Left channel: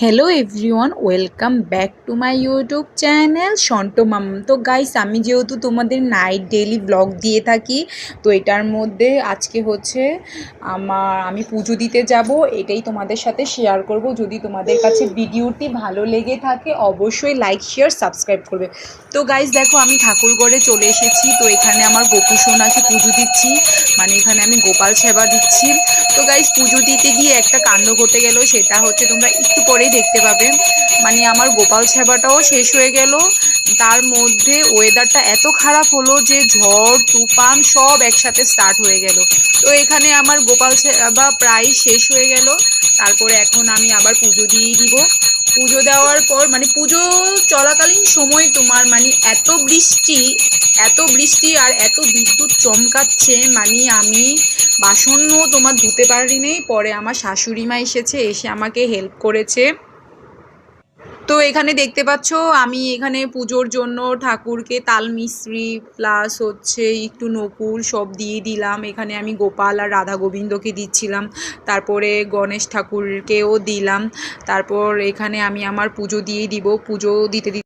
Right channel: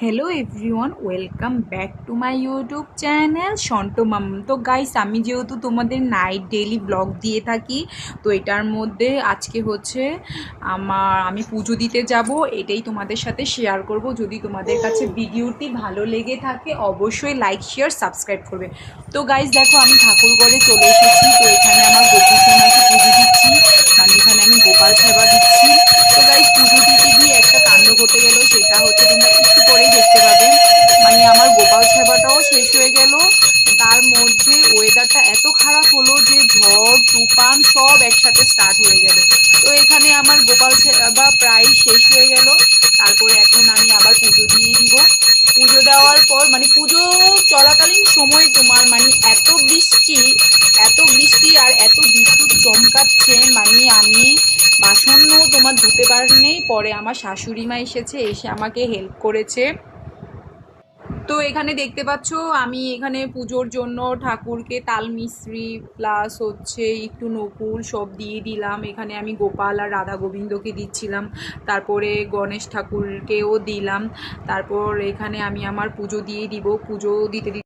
Hello everyone, welcome back to my YouTube channel সন্টো মাম। তো গাইস, আমি যেহেতু তোমাদের নাইট ডেইলি ব্লগ দিয়ে থাকি, তো এটার মধ্যে আজকে হচ্ছে আমি পুজো দিতে যাব, এটাই তোমাদের সাথে শেয়ার করব। যদি তোমাদের কাছে ভিডিওটি ভালো লেগে থাকে অবশ্যই লাইক শেয়ার সাবস্ক্রাইব করবে। তো গাইস দেখো, আমি ঠাকুরঘরে চলে এসেছি। তো এখানে আমার গোপু সোনাকে পুজো দিচ্ছি, মানে এখানে আমি গোপাল সেবা দিচ্ছি। তো গাইস, পুজো দিতে গিয়ে একটা কাণ্ড ঘটে গেল, সেটা হচ্ছে তোমরা একটু পরেই দেখতে পাবে। মানে আমার গোপাল সেবাটাও শেষ হয়ে গেল, তার মধ্যে ওয়েদারটা এত খারাপ হলো যে ঝড় তুফান সব একসাথে স্টার্ট হয়ে গেল। তো এখানে আমার গোপাল সেবা প্রায় শেষ হয়ে গেল। তারপরে এখন আমি আবার পুজো দিয়ে দিব। পুজো দেওয়ার পর মানে পুজো চলাকালীন সময় তোমার মানে এত বৃষ্টি আর এত বিদ্যুৎ চমকাচ্ছে, মানে আমি বাসনও তোমার ধুতে পারিনি। পরে আমার শাশুড়ি মা এসে আমাকে হেল্প করেছে। তো এখানে দেখতে পাচ্ছ, আমি এখানে পুজোর জন্য ঠাকুরকে তাল মিছরি প্লাস হচ্ছে একটু নকুল সব দিয়ে দিলাম। এখানে আমি গোপাল আর রাধা গোবিন্দকে দিচ্ছিলাম, তারপরে গণেশ ঠাকুরকেও দিলাম। তারপর এখানে আমি আমার পুজো দিয়ে দিব। পুজো দিতে দিতে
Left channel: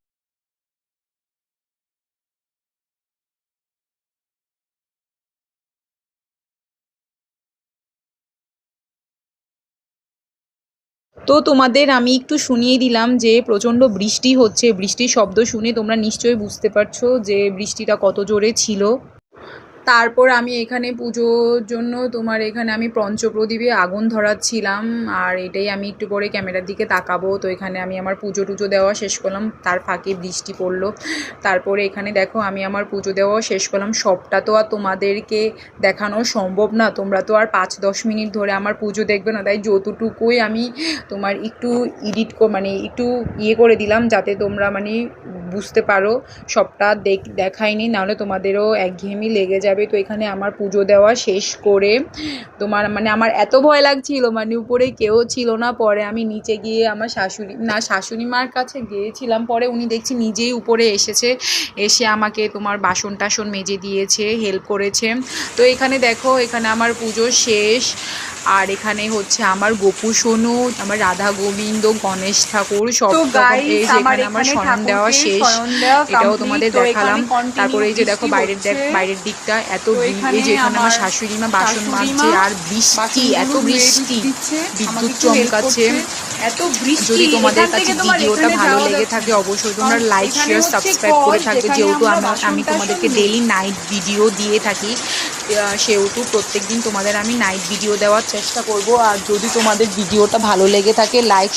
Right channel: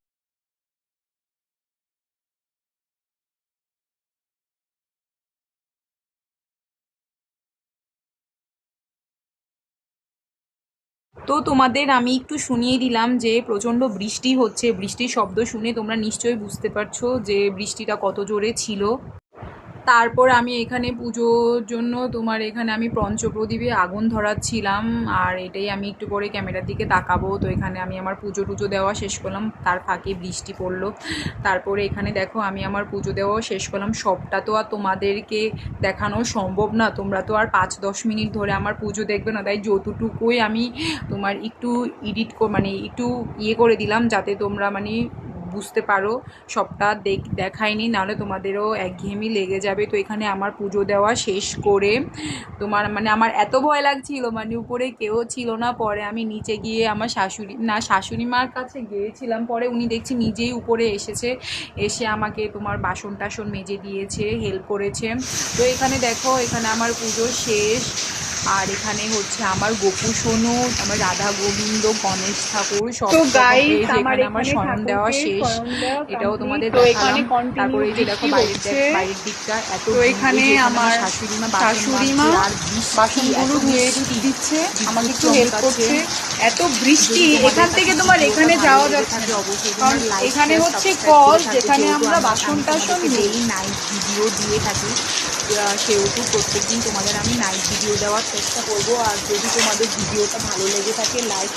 তো তোমাদের আমি একটু শুনিয়ে দিলাম যে প্রচণ্ড বৃষ্টি হচ্ছে। বৃষ্টির শব্দ শুনে তোমরা নিশ্চয়ই বুঝতে পারছো যে বৃষ্টিটা কত জোরে ছিল। তারপর আমি এখানে পুজোর জন্য এখানে আমি পঞ্চপ্রদীপে আগুন ধরাচ্ছিলাম, আর এটাই আমি একটু পরে ক্যামেরার দিকে তাকাবো। তো এখানে আমি আমার পুজো টুজো দেওয়া শেষ করলাম, তার ফাঁকে বৃষ্টি পড়লো। তারপরে এখানে দেখো, আমি আমার পুজো দেওয়া শেষ করলাম। সবটা তো আর তোমাদেরকে দেখানো সম্ভব না, তোমরা তো আর 5-10 মিনিট ধরে আমার পুজো দেখবে না, তাই যতটুকুই আমি একটু মানে একটু করে দিলাম, যাতে তোমরা মানে বুঝতে পারো। সবটা দেখাইনি, নাহলে তোমাদেরও একঘেয়েমি লেগে যাবে। তো এখানে আমার পুজো দেওয়া শেষ করে আমার এত ভয় লাগছিল, মানে উপরে কেউ ছিল না। পরে আমি নিচে গিয়ে আমার শাশুড়ি মার কাছে গিয়েছিলাম। পরে উনি দেখছি নিজেই উপরে এসে আমাকে বাসন টাসন মেজে দিয়েছে, হেল্প করেছে। তো এখানে দেখো, এখানে আমার পুজো শেষ। আর এখানে হচ্ছে আমার গোপু সোনু, আমার রাধা গোবিন্দ, গণেশ ঠাকুর সব রকম। এই যে এখানে আমার শয়ন দেওয়া শেষ, এটাও তোমাদের দেখালাম। তারপরে এই যে দেখো বাইরের দিকটা এত এই যে এখানে আমার শাশুড়ি মা বাসন মাজছে, আর বৃষ্টি এত বৃষ্টি, বিদ্যুৎ চমকাচ্ছে, এত বৃষ্টি। এখান থেকে তোমার এখানে যাওয়া থাকে, অবশ্যই তোমরা লাইক শেয়ার সাবস্ক্রাইব করে থাকবে। যেহেতু আমি তোমাদেরকে ডেইলি নাইট ভিডিও দিয়ে থাকি, সেহেতু প্রত্যেকদিন তোমাদের আমি নাইট ভিডিও দেওয়ার চেষ্টা করব। আর যদি তোমাদের ভিডিওটা ভালো লেগে থাকে, লাইক